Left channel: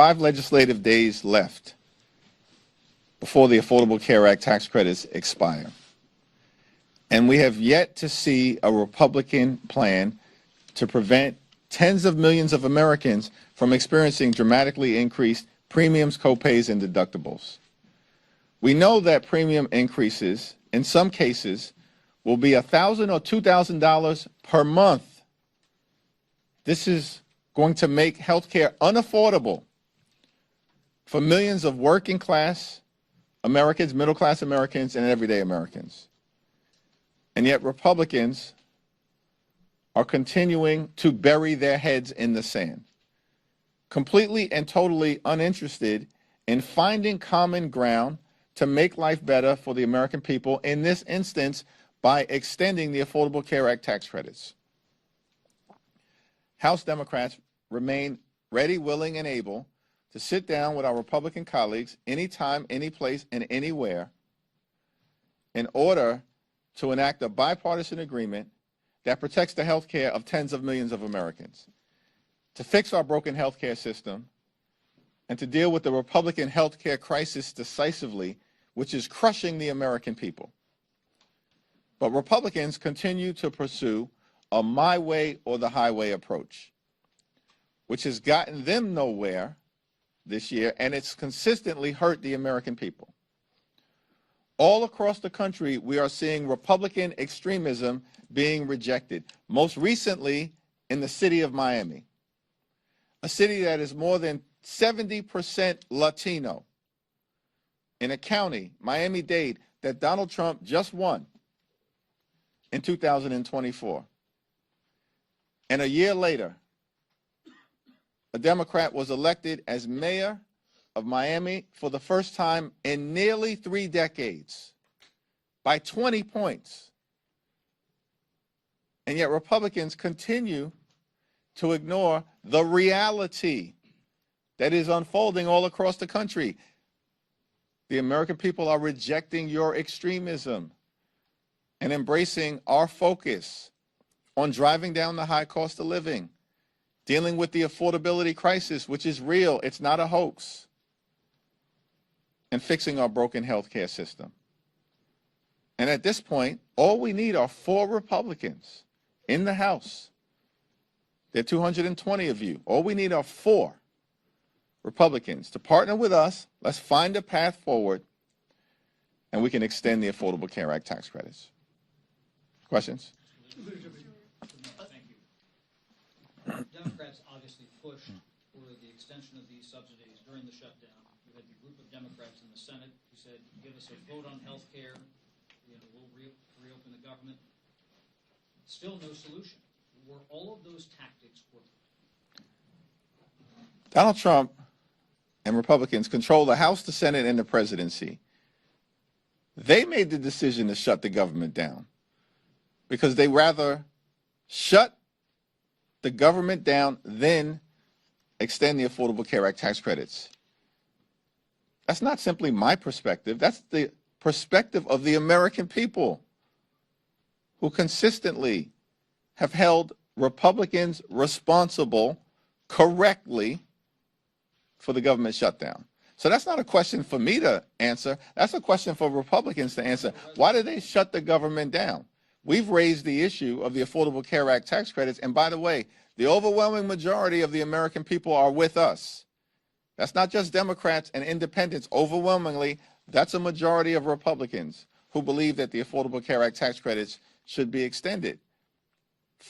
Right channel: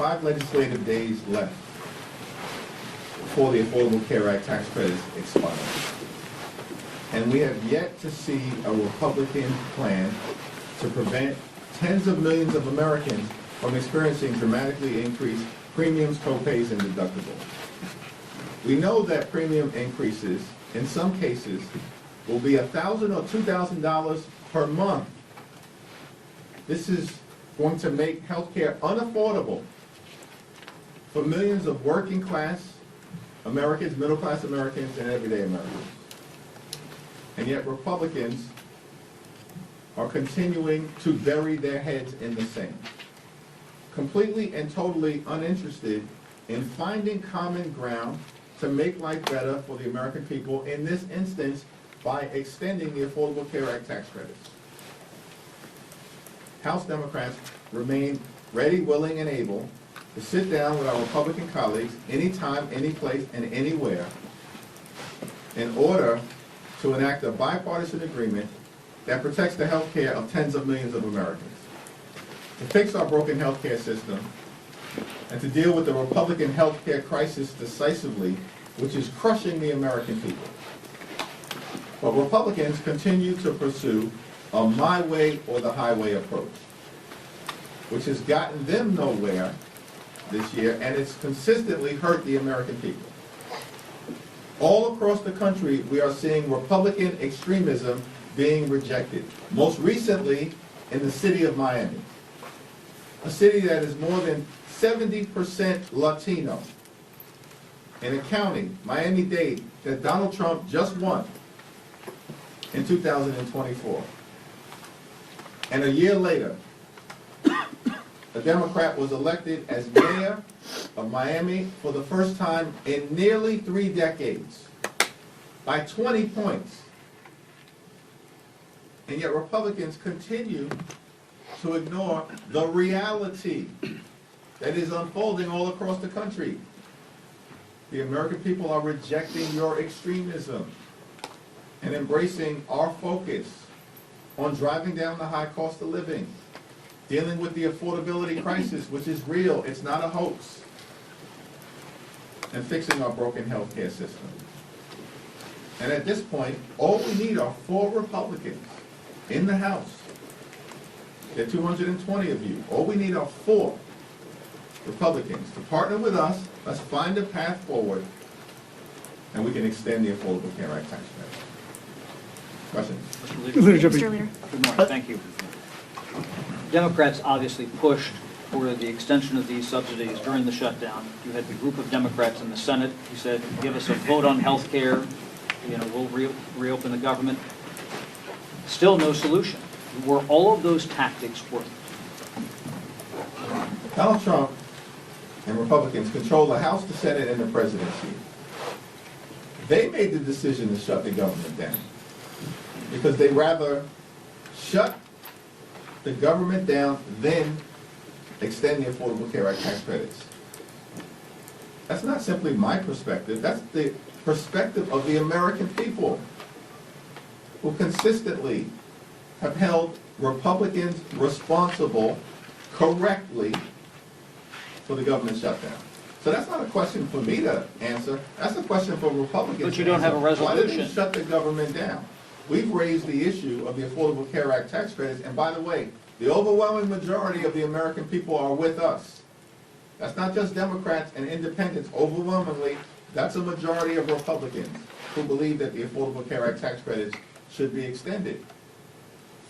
5 legislative days left before the Affordable Care Act tax credits expire. And we have yet to see a Republican plan to prevent tens of millions of Americans from experiencing dramatically increased premiums, copays, and deductibles. We know that premium increases, in some cases, will be $1,000 or $2,000 per month. This is going to make health care unaffordable for millions of working class Americans, middle class Americans, and everyday Americans. And yet Republicans are continuing to bury their heads in the sand, completely and totally uninterested in finding common ground to make life better for the American people, in this instance, by extending the Affordable Care Act tax credits. House Democrats remain ready, willing, and able to sit down with our Republican colleagues anytime, any place, and anywhere in order to enact a bipartisan agreement that protects the health care of tens of millions of Americans, to fix our broken health care system, and to deal with the Republican health care crisis decisively, which is crushing the American people. But Republicans continue to pursue a my way or the highway approach, which has gotten them nowhere this year, and it's consistently hurt the American people. All across the country, we are seeing Republican extremism being rejected. Most recently, in the city of Miami, a city that is more than 70% Latino, in a county, Miami-Dade, that Donald Trump just won in 2024. And a year later, a Democrat was elected as mayor of Miami for the first time in nearly 3 decades, by 20 points. And yet Republicans continue to ignore the reality that is unfolding all across the country. The American people are rejecting your extremism and embracing our focus on driving down the high cost of living, dealing with the affordability crisis, which is real, it's not a hoax, and fixing our broken health care system. And at this point, all we need are 4 Republicans in the House. There are 220 of you. All we need are 4 Republicans to partner with us. Let's find a path forward, and we can extend the Affordable Care Act tax credits. Questions? Leader Jeffries. Mr. Leader. Good morning, thank you. Democrats obviously pushed for the extension of these subsidies during the shutdown. You had the group of Democrats in the Senate who said, give us a vote on health care, we'll reopen the government. Still no solution. Were all of those tactics worked? Donald Trump and Republicans control the House, the Senate, and the presidency. They made the decision to shut the government down because they rather shut the government down than extend the Affordable Care Act tax credits. That's not simply my perspective. That's the perspective of the American people, who consistently have held Republicans responsible correctly for the government shutdown. So that's not a question for me to answer. That's a question for Republicans to answer. But you don't have a resolution. Why did they shut the government down? We've raised the issue of the Affordable Care Act tax credits, and by the way, the overwhelming majority of the American people are with us. That's not just Democrats and independents. Overwhelmingly, that's a majority of Republicans who believe that the Affordable Care Act tax credits should be extended.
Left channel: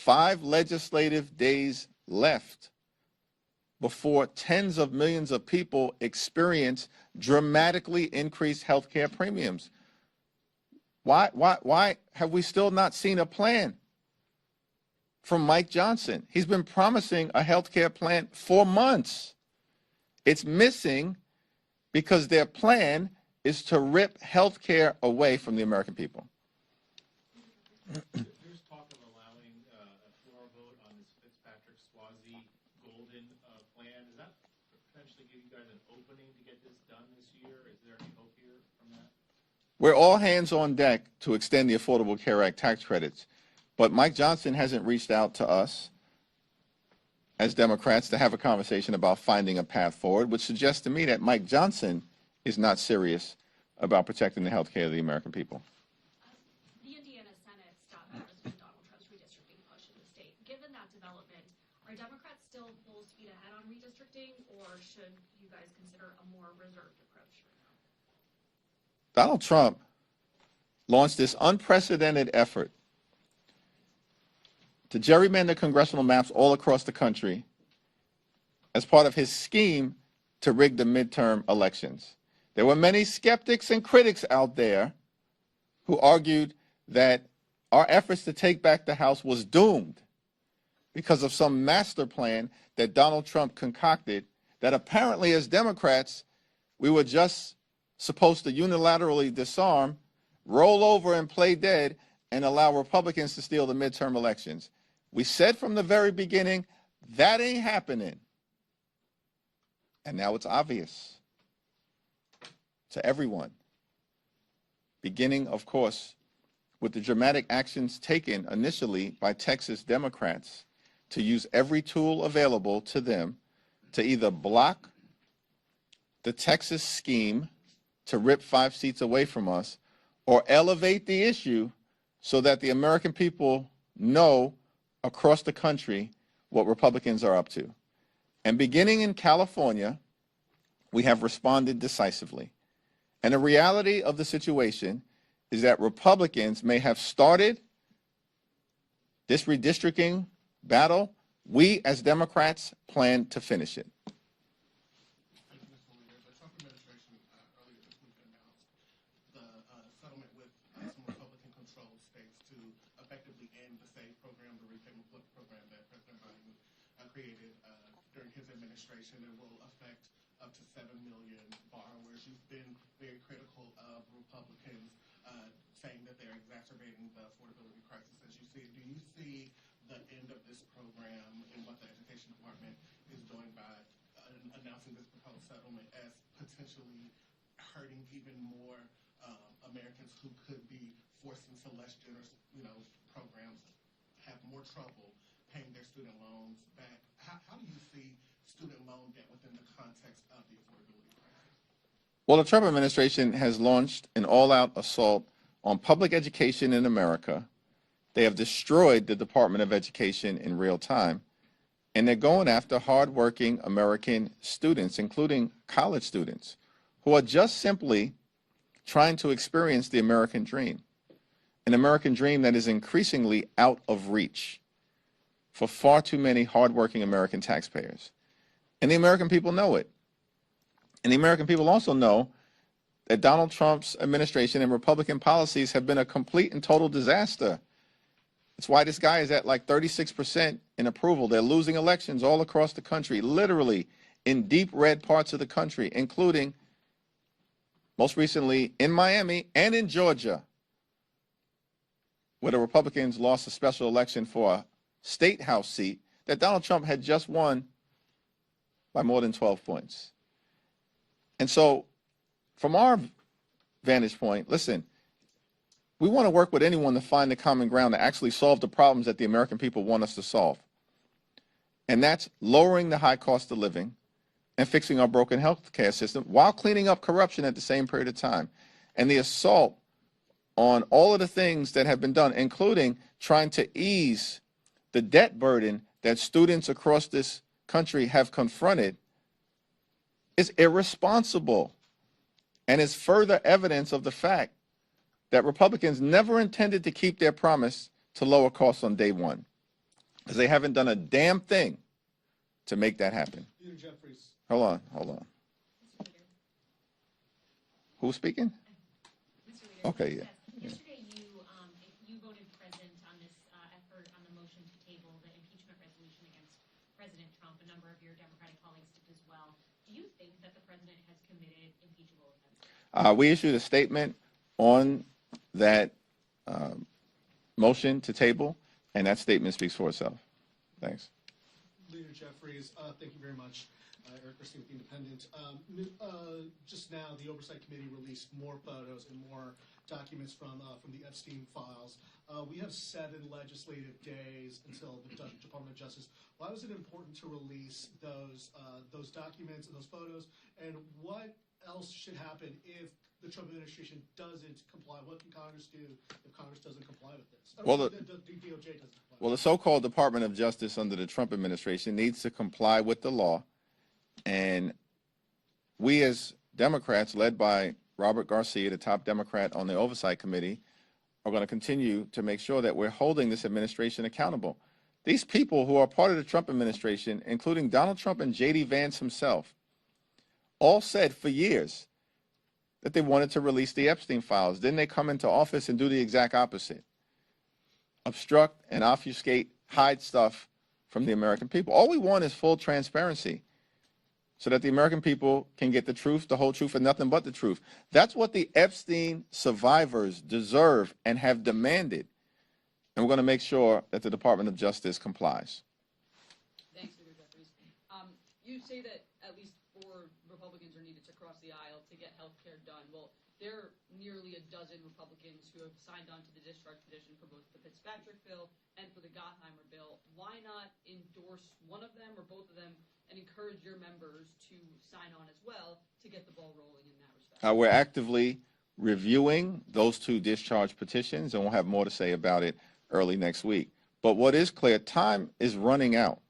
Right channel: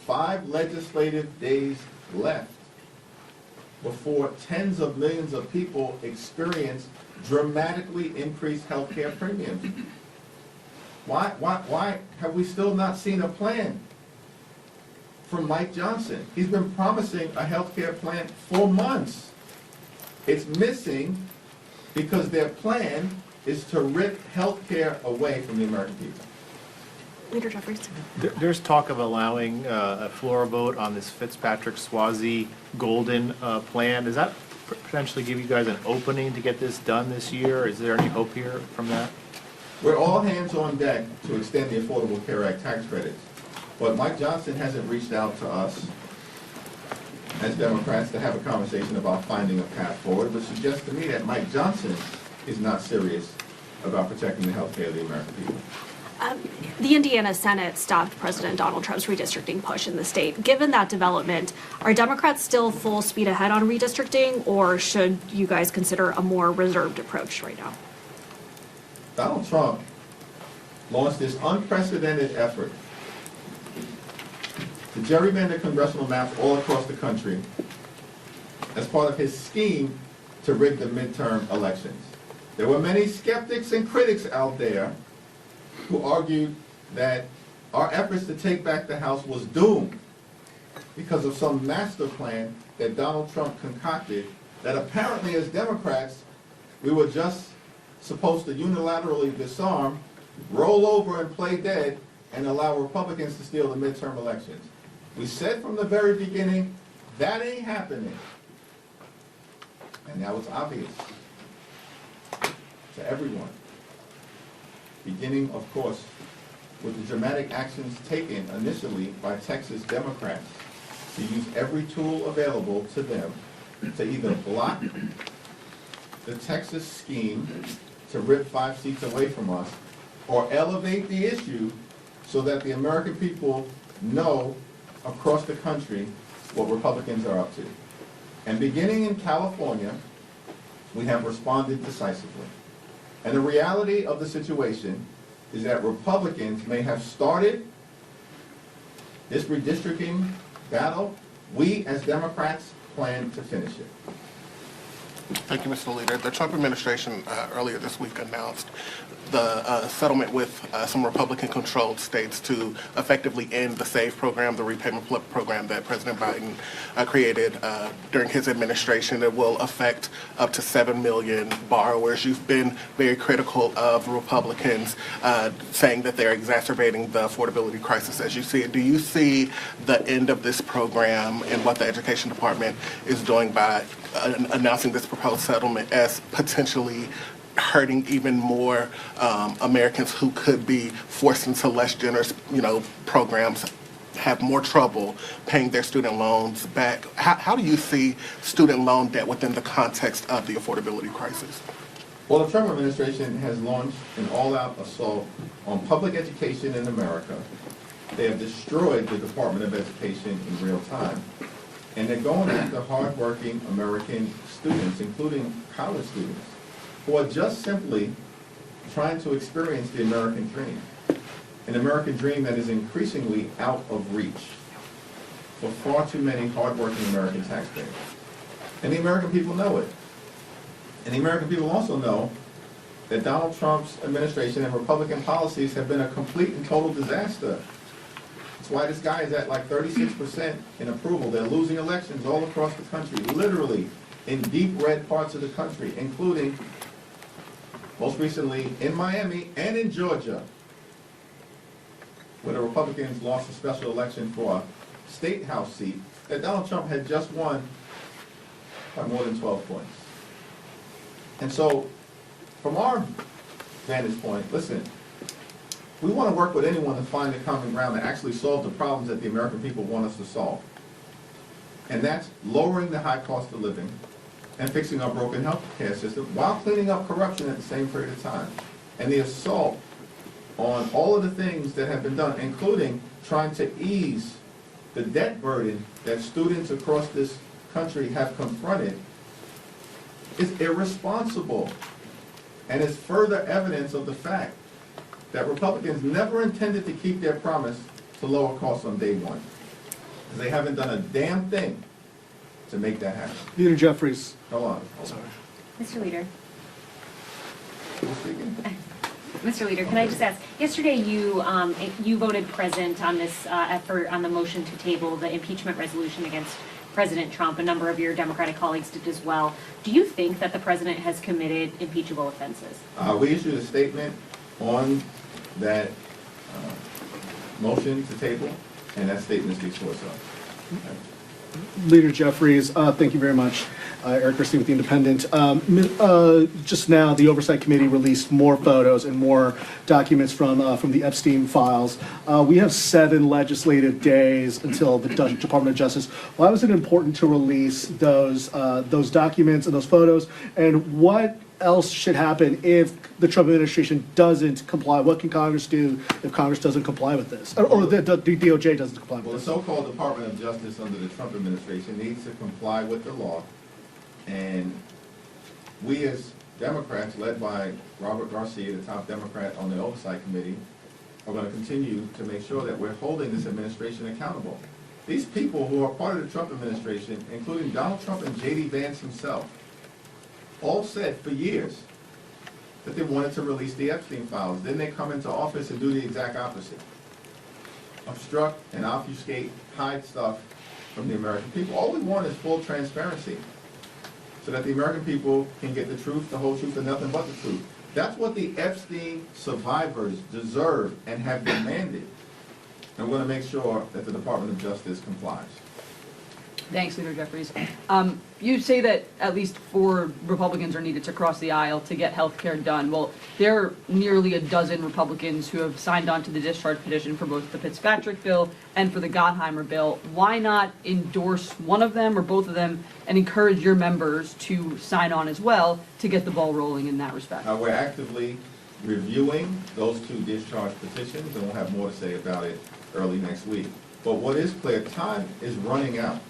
5 legislative days left before tens of millions of people experience dramatically increased health care premiums. Why have we still not seen a plan from Mike Johnson? He's been promising a health care plan for months. It's missing because their plan is to rip health care away from the American people. Leader Jeffries. There's talk of allowing a floor vote on this Fitzpatrick-Swazi Golden plan. Does that potentially give you guys an opening to get this done this year? Is there any hope here from that? We're all hands on deck to extend the Affordable Care Act tax credits, but Mike Johnson hasn't reached out to us. as Democrats to have a conversation about finding a path forward, which suggests to me that Mike Johnson is not serious about protecting the health care of the American people. The Indiana Senate stopped President Donald Trump's redistricting push in the state. Given that development, are Democrats still full speed ahead on redistricting, or should you guys consider a more reserved approach right now? Donald Trump launched this unprecedented effort to gerrymander congressional maps all across the country as part of his scheme to rig the midterm elections. There were many skeptics and critics out there who argued that our efforts to take back the House was doomed because of some master plan that Donald Trump concocted that apparently as Democrats we were just supposed to unilaterally disarm, roll over and play dead, and allow Republicans to steal the midterm elections. We said from the very beginning, that ain't happening. And now it's obvious to everyone. Beginning, of course, with the dramatic actions taken initially by Texas Democrats to use every tool available to them to either block the Texas scheme to rip 5 seats away from us, or elevate the issue so that the American people know across the country what Republicans are up to. And beginning in California, we have responded decisively. And the reality of the situation is that Republicans may have started this redistricting battle. We, as Democrats, plan to finish it. Thank you, Mr. Leader. The Trump administration earlier this week announced the settlement with some Republican-controlled states to effectively end the SAVE program, the repayment program that President Biden created during his administration. It will affect up to 7 million borrowers. You've been very critical of Republicans, saying that they're exacerbating the affordability crisis as you see it. Do you see the end of this program and what the Education Department is doing by announcing this proposed settlement as potentially hurting even more Americans who could be forced into less generous, programs, have more trouble paying their student loans back? How do you see student loan debt within the context of the affordability crisis? Well, the Trump administration has launched an all-out assault on public education in America. They have destroyed the Department of Education in real time. And they're going after hardworking American students, including college students, who are just simply trying to experience the American dream. An American dream that is increasingly out of reach for far too many hardworking American taxpayers. And the American people know it. And the American people also know that Donald Trump's administration and Republican policies have been a complete and total disaster. That's why this guy is at like 36% in approval. They're losing elections all across the country, literally in deep red parts of the country, including, most recently, in Miami and in Georgia, where the Republicans lost a special election for a state house seat that Donald Trump had just won by more than 12 points. And so, from our vantage point, listen, we want to work with anyone to find the common ground to actually solve the problems that the American people want us to solve. And that's lowering the high cost of living and fixing our broken health care system while cleaning up corruption at the same period of time. And the assault on all of the things that have been done, including trying to ease the debt burden that students across this country have confronted, is irresponsible. And is further evidence of the fact that Republicans never intended to keep their promise to lower costs on day one, because they haven't done a damn thing to make that happen. Leader Jeffries. Hold on. Mr. Leader. Who's speaking? Mr. Leader, can I just ask, yesterday you voted present on this effort on the motion to table the impeachment resolution against President Trump. A number of your Democratic colleagues did as well. Do you think that the president has committed impeachable offenses? We issued a statement on that motion to table, and that statement speaks for itself. Thanks. Leader Jeffries, thank you very much. Eric Christie with The Independent. Just now, the Oversight Committee released more photos and more documents from the Epstein files. We have 7 legislative days until the Department of Justice. Why was it important to release those documents and those photos? And what else should happen if the Trump administration doesn't comply? What can Congress do if Congress doesn't comply with this? Or the DOJ doesn't comply with Well, the this? so-called Department of Justice under the Trump administration needs to comply with the law. And we as Democrats, led by Robert Garcia, the top Democrat on the Oversight Committee, are going to continue to make sure that we're holding this administration accountable. These people who are part of the Trump administration, including Donald Trump and J.D. Vance himself, all said for years that they wanted to release the Epstein files. Then they come into office and do the exact opposite. Obstruct and obfuscate, hide stuff from the American people. All we want is full transparency so that the American people can get the truth, the whole truth, and nothing but the truth. That's what the Epstein survivors deserve and have demanded. And we're going to make sure that the Department of Justice complies. Thanks, Leader Jeffries. You say that at least 4 Republicans are needed to cross the aisle to get health care done. Well, there are nearly a dozen Republicans who have signed on to the discharge petition for both the Fitzpatrick bill and for the Gottheimer bill. Why not endorse one of them or both of them and encourage your members to sign on as well to get the ball rolling in that respect? We're actively reviewing those 2 discharge petitions, and we'll have more to say about it early next week. But what is clear, time is running out.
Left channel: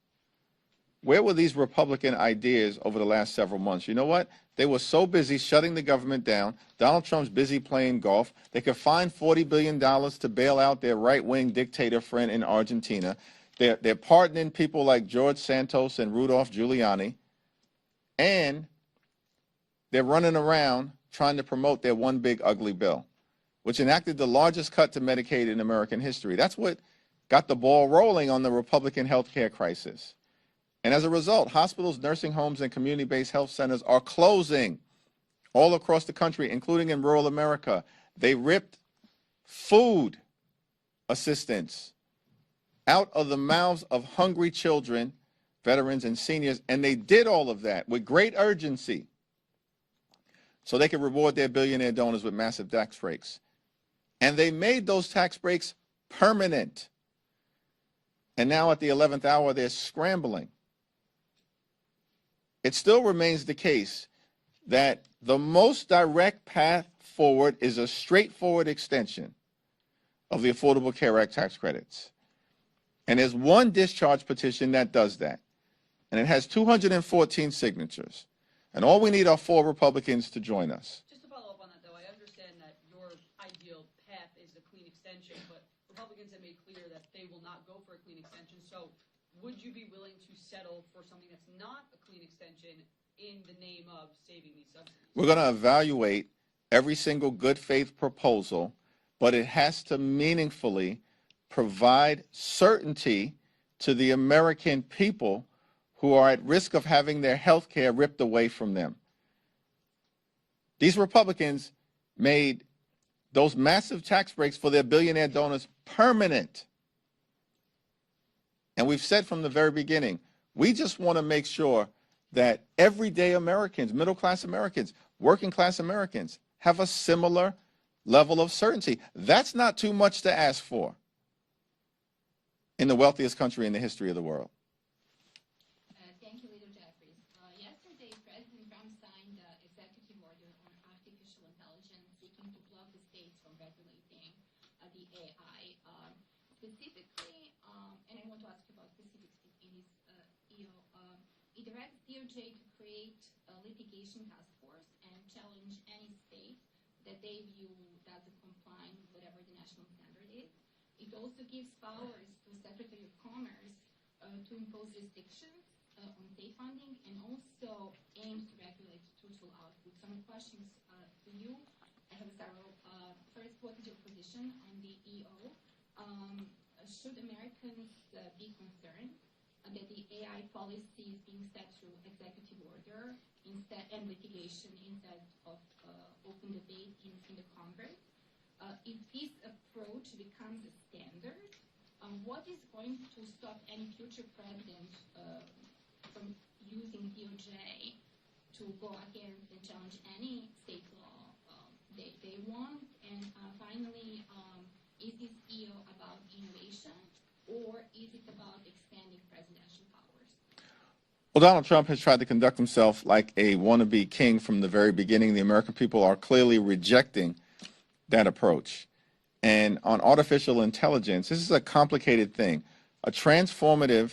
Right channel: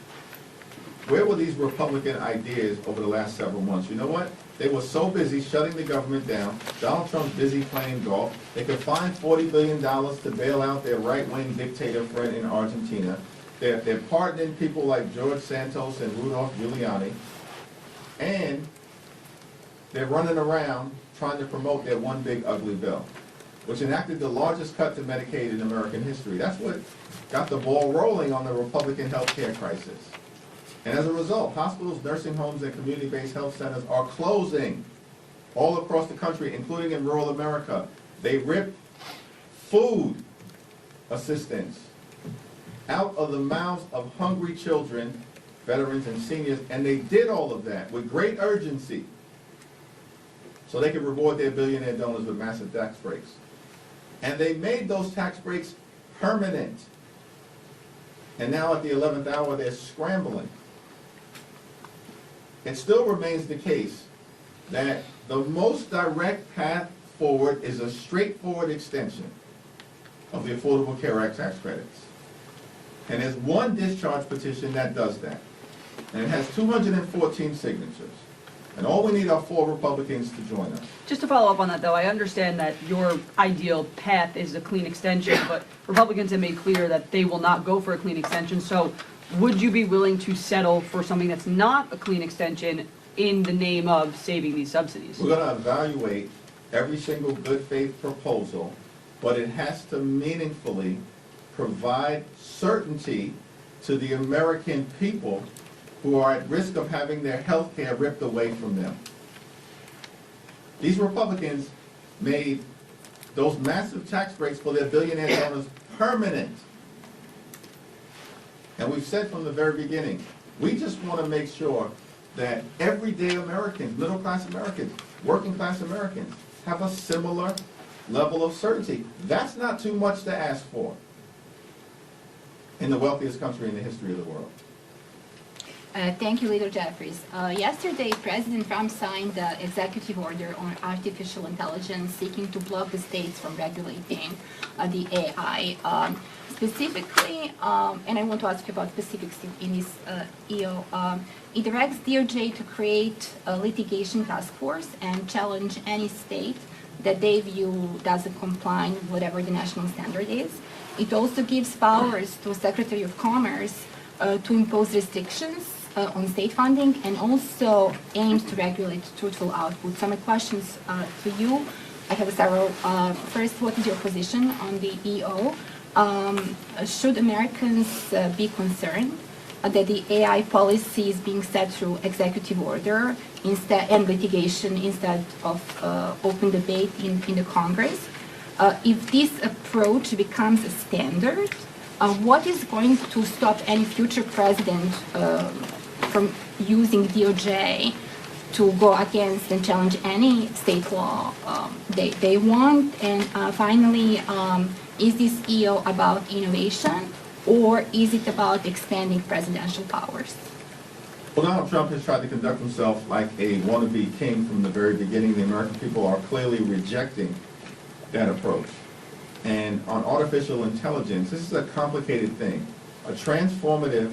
Where were these Republican ideas over the last several months? You know what? They were so busy shutting the government down. Donald Trump's busy playing golf. They could find $40 billion to bail out their right-wing dictator friend in Argentina. They're pardoning people like George Santos and Rudolph Giuliani. And they're running around trying to promote their one big ugly bill, which enacted the largest cut to Medicaid in American history. That's what got the ball rolling on the Republican health care crisis. And as a result, hospitals, nursing homes, and community-based health centers are closing all across the country, including in rural America. They ripped food assistance out of the mouths of hungry children, veterans, and seniors, and they did all of that with great urgency so they could reward their billionaire donors with massive tax breaks. And they made those tax breaks permanent. And now at the 11th hour, they're scrambling. It still remains the case that the most direct path forward is a straightforward extension of the Affordable Care Act tax credits. And there's one discharge petition that does that. And it has 214 signatures. And all we need are 4 Republicans to join us. Just to follow up on that, though, I understand that your ideal path is a clean extension, but Republicans have made clear that they will not go for a clean extension. So would you be willing to settle for something that's not a clean extension in the name of saving these subsidies? We're going to evaluate every single good faith proposal, but it has to meaningfully provide certainty to the American people who are at risk of having their health care ripped away from them. These Republicans made those massive tax breaks for their billionaire donors permanent. And we've said from the very beginning, we just want to make sure that everyday Americans, middle-class Americans, working-class Americans, have a similar level of certainty. That's not too much to ask for in the wealthiest country in the history of the world. Thank you, Leader Jeffries. Yesterday, President Trump signed the executive order on artificial intelligence seeking to block the states from regulating the AI. Specifically, and I want to ask you about specifics in this EO, it directs DOJ to create a litigation task force and challenge any state that they view doesn't comply with whatever the national standard is. It also gives powers to Secretary of Commerce to impose restrictions on state funding and also aims to regulate truthful output. So my questions to you, I have several. First, what is your position on the EO? Should Americans be concerned that the AI policy is being set through executive order instead and litigation instead of open debate in the Congress? If this approach becomes a standard, what is going to stop any future president from using DOJ to go against and challenge any state law they want? And finally, is this EO about innovation, or is it about expanding presidential powers? Well, Donald Trump has tried to conduct himself like a wannabe king from the very beginning. The American people are clearly rejecting that approach. And on artificial intelligence, this is a complicated thing, a transformative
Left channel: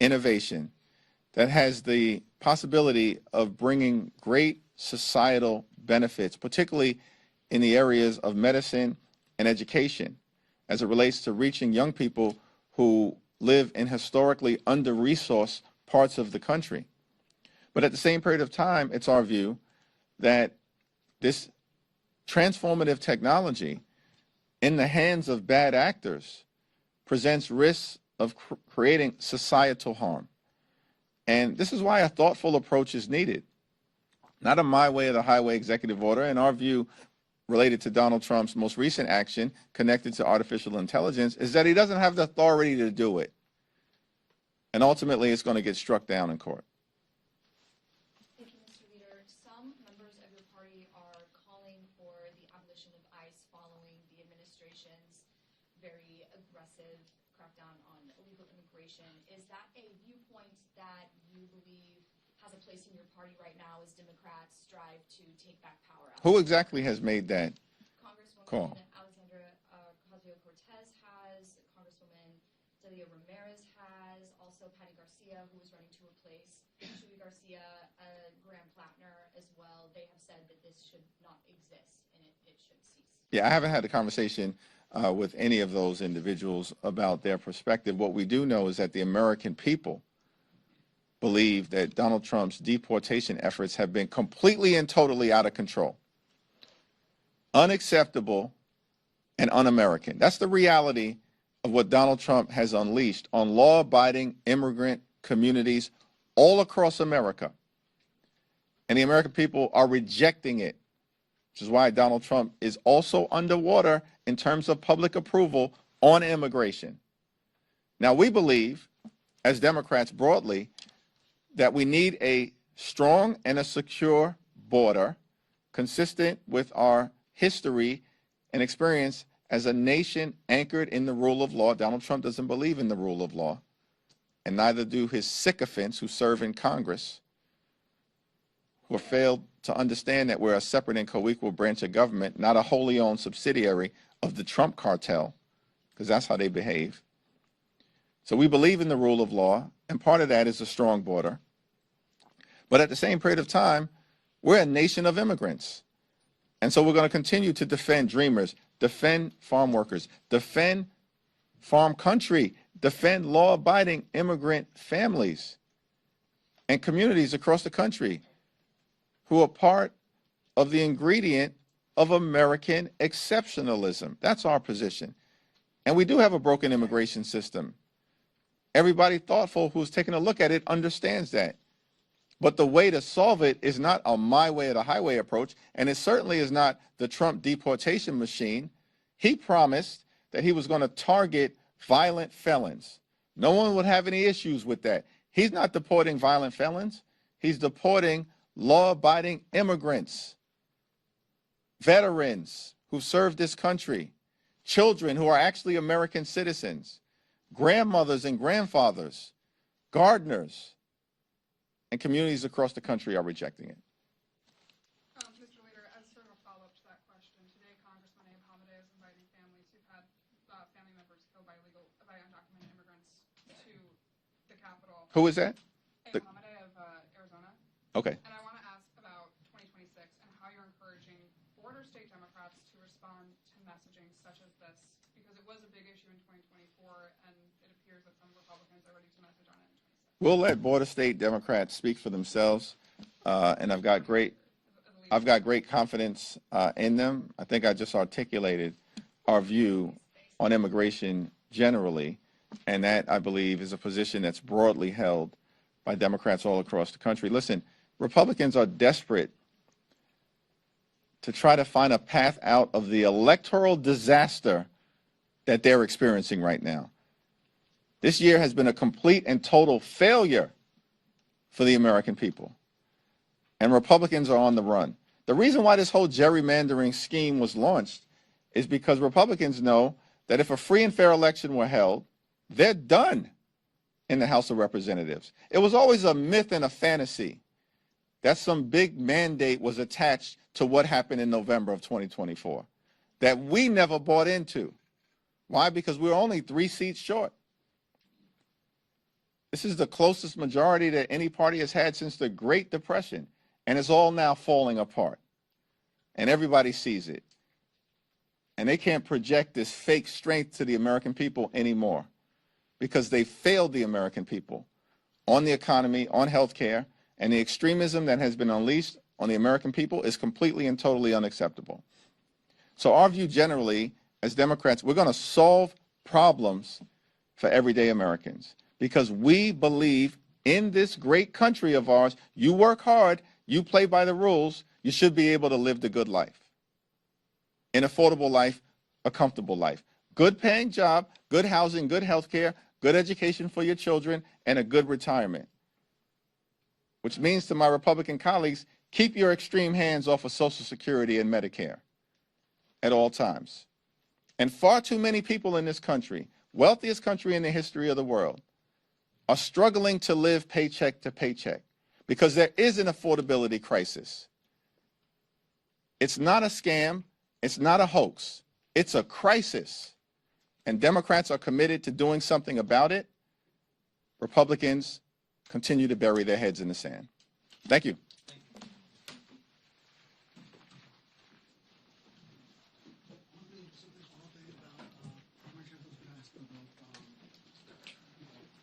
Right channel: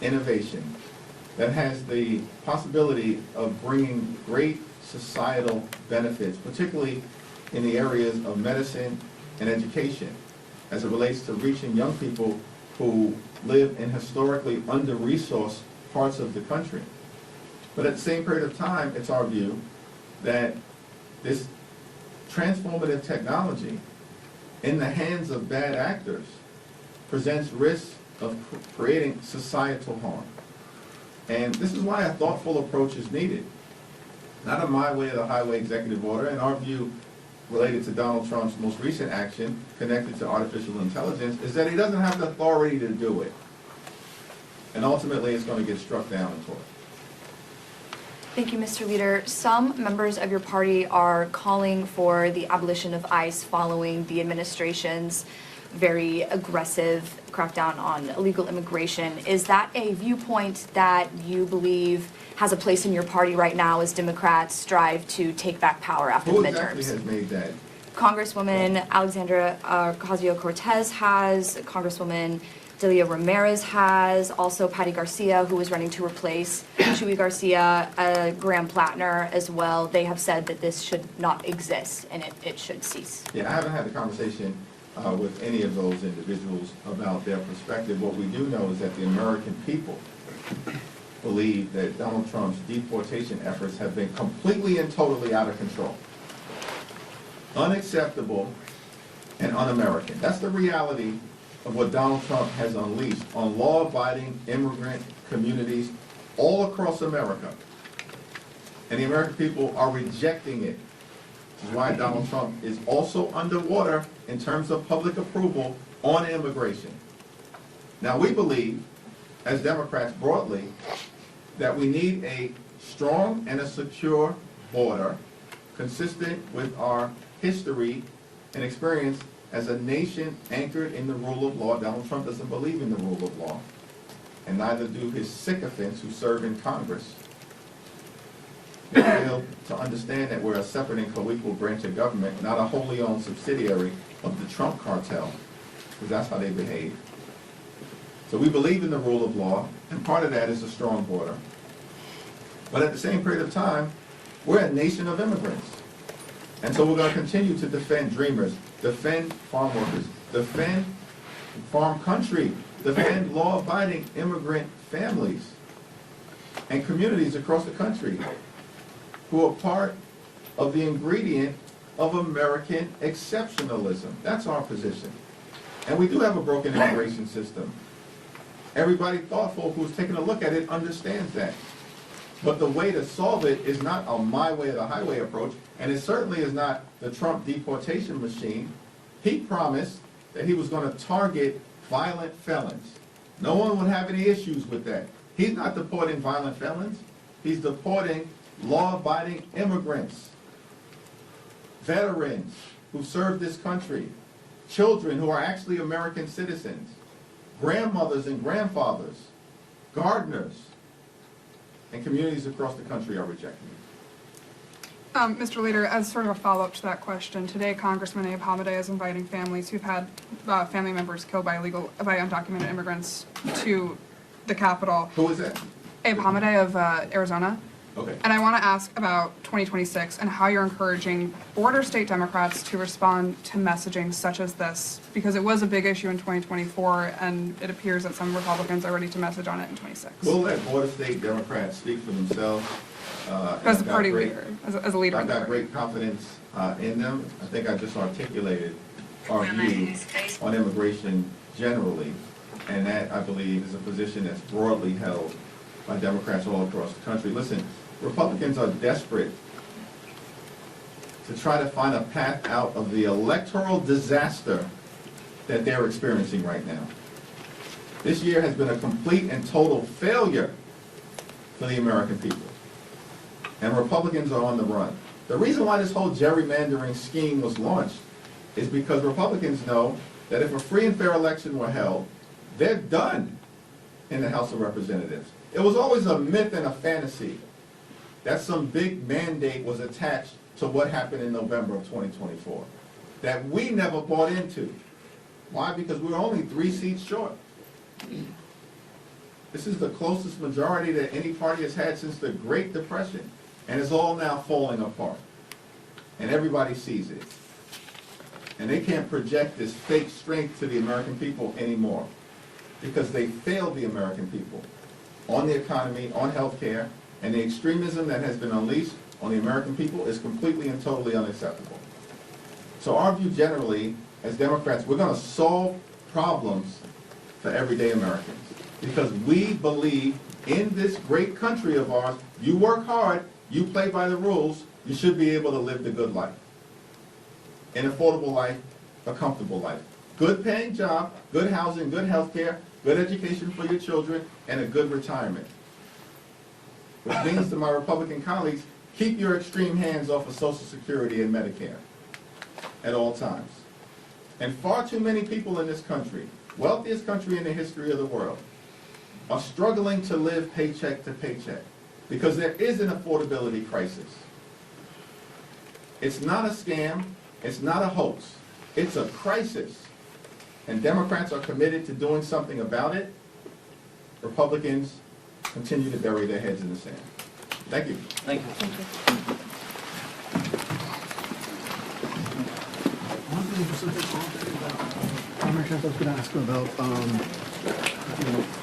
innovation that has the possibility of bringing great societal benefits, particularly in the areas of medicine and education, as it relates to reaching young people who live in historically under-resourced parts of the country. But at the same period of time, it's our view that this transformative technology in the hands of bad actors presents risks of creating societal harm. And this is why a thoughtful approach is needed. Not a my way or the highway executive order. In our view, related to Donald Trump's most recent action connected to artificial intelligence, is that he doesn't have the authority to do it. And ultimately, it's going to get struck down in court. Thank you, Mr. Leader. Some members of your party are calling for the abolition of ICE following the administration's very aggressive crackdown on illegal immigration. Is that a viewpoint that you believe has a place in your party right now as Democrats strive to take back power after the midterms? Who exactly has made that? Congresswoman Alexandra Ocasio-Cortez has, Congresswoman Delia Ramirez has, also Patty Garcia, who is running to replace Chuy Garcia, Graham Plattner as well. They have said that this should not exist and it should cease. Yeah, I haven't had a conversation with any of those individuals about their perspective. What we do know is that the American people believe that Donald Trump's deportation efforts have been completely and totally out of control, unacceptable, and un-American. That's the reality of what Donald Trump has unleashed on law-abiding immigrant communities all across America. And the American people are rejecting it, which is why Donald Trump is also underwater in terms of public approval on immigration. Now, we believe, as Democrats broadly, that we need a strong and a secure border consistent with our history and experience as a nation anchored in the rule of law. Donald Trump doesn't believe in the rule of law, and neither do his sycophants who serve in Congress. We fail to understand that we're a separate and co-equal branch of government, not a wholly owned subsidiary of the Trump cartel, because that's how they behave. So we believe in the rule of law, and part of that is a strong border. But at the same period of time, we're a nation of immigrants. And so we're going to continue to defend dreamers, defend farm workers, defend farm country, defend law-abiding immigrant families and communities across the country who are part of the ingredient of American exceptionalism. That's our position. And we do have a broken immigration system. Everybody thoughtful who's taken a look at it understands that. But the way to solve it is not a my way or the highway approach, and it certainly is not the Trump deportation machine. He promised that he was going to target violent felons. No one would have any issues with that. He's not deporting violent felons. He's deporting law-abiding immigrants, veterans who served this country, children who are actually American citizens, grandmothers and grandfathers, gardeners, and communities across the country are rejecting it. Mr. Leader, as sort of a follow-up to that question, today Congressman Abe Hamadeh is inviting families who've had family members killed by undocumented immigrants to the Capitol. Who is that? Abe Hamadeh of Arizona. Okay. And I want to ask about 2026 and how you're encouraging border state Democrats to respond to messaging such as this, because it was a big issue in 2024, and it appears that some Republicans are ready to message on it in 26. We'll let border state Democrats speak for themselves. And As a party leader, as a leader. I've got great confidence in them. I think I just articulated our view on immigration generally, and that, I believe, is a position that's broadly held by Democrats all across the country. Listen, Republicans are desperate to try to find a path out of the electoral disaster that they're experiencing right now. This year has been a complete and total failure for the American people. And Republicans are on the run. The reason why this whole gerrymandering scheme was launched is because Republicans know that if a free and fair election were held, they're done in the House of Representatives. It was always a myth and a fantasy that some big mandate was attached to what happened in November of 2024 that we never bought into. Why? Because we were only 3 seats short. This is the closest majority that any party has had since the Great Depression, and it's all now falling apart. And everybody sees it. And they can't project this fake strength to the American people anymore because they failed the American people on the economy, on health care, and the extremism that has been unleashed on the American people is completely and totally unacceptable. So our view generally, as Democrats, we're going to solve problems for everyday Americans because we believe in this great country of ours, you work hard, you play by the rules, you should be able to live the good life. An affordable life, a comfortable life. Good paying job, good housing, good health care, good education for your children, and a good retirement. Which means to my Republican colleagues, keep your extreme hands off of Social Security and Medicare at all times. And far too many people in this country, wealthiest country in the history of the world, are struggling to live paycheck to paycheck because there is an affordability crisis. It's not a scam, it's not a hoax, it's a crisis. And Democrats are committed to doing something about it. Republicans continue to bury their heads in the sand. Thank you. Thank you. I was going to ask about